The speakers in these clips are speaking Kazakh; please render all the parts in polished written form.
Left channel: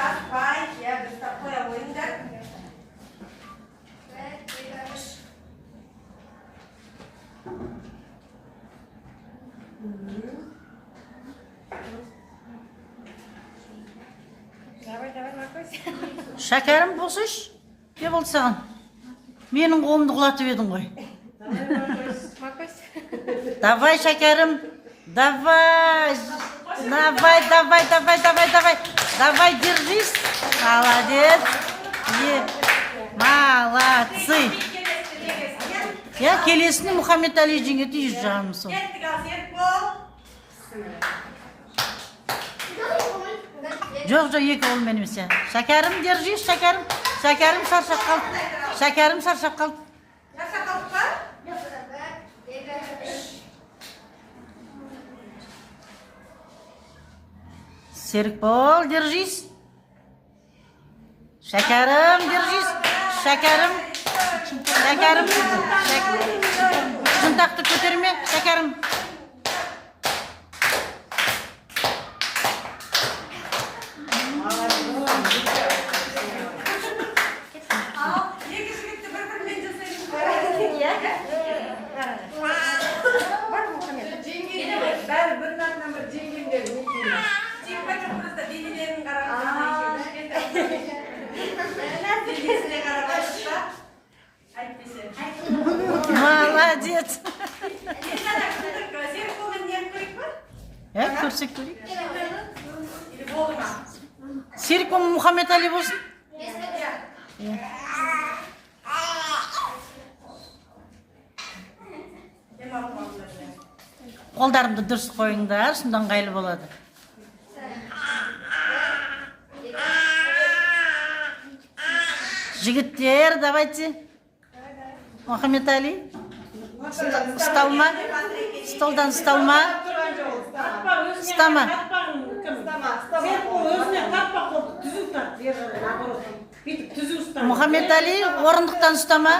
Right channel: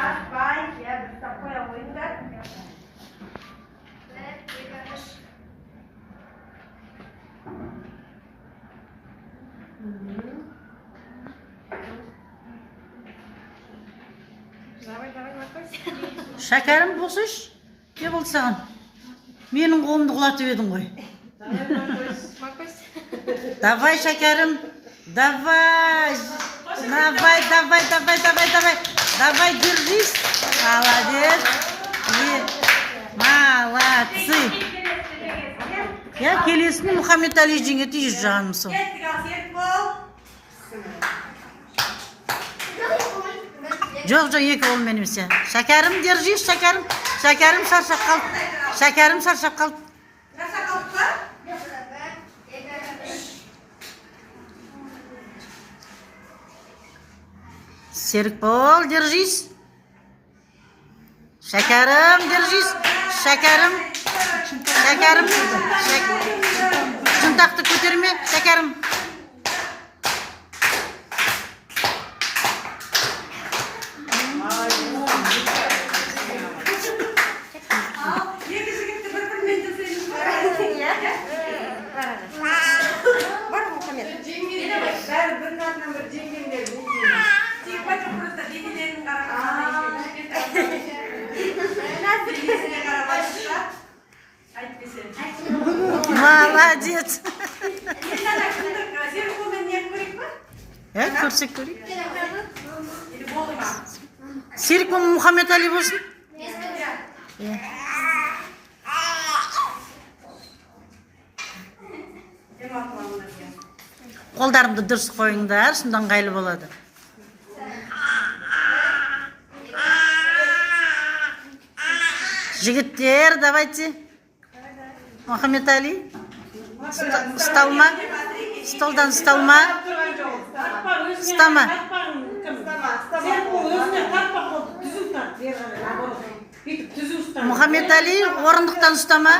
Atpay, ya biz tapmaya oyunlar. Şekerim bosuz. Ne oldu sana? Benim қолымды құлатып едің ғой. Давай, шәкәрім. Давай. Давай, держись. Молодец. Молодцы. Я келесіне Мұхаммед Али жеңе түйіз жағаным сол. Жоқ, екі ол менің сен. Шәкәрім, держись, шәкәрім. Şekerim sarşap kaldı. Şekerim sarşap kaldı. Serikbol, держись. Şekerim, держись. Şekerim. Şuntaktı kötürme, şekerim. Молодец. Көрсек көрейік. Серік Мұхаммед Али болсын? Қолдарымды дұрыс қойыңдар, сонда ыңғайлы болады. Жігіттер, давайте. Мұхаммед Али. Сталма. Столдан сталма. Стама. Мұхаммед Али, орындықтан ұстама,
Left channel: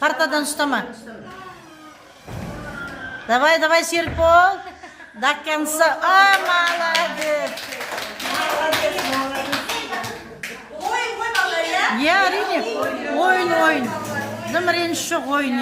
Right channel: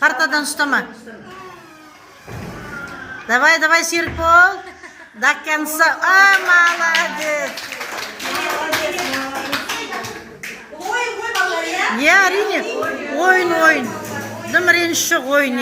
партадан ұстама. Давай, Серікбол. До конца. Молодец. Я, әрине, ойын. Дым реніш жоқ ойын,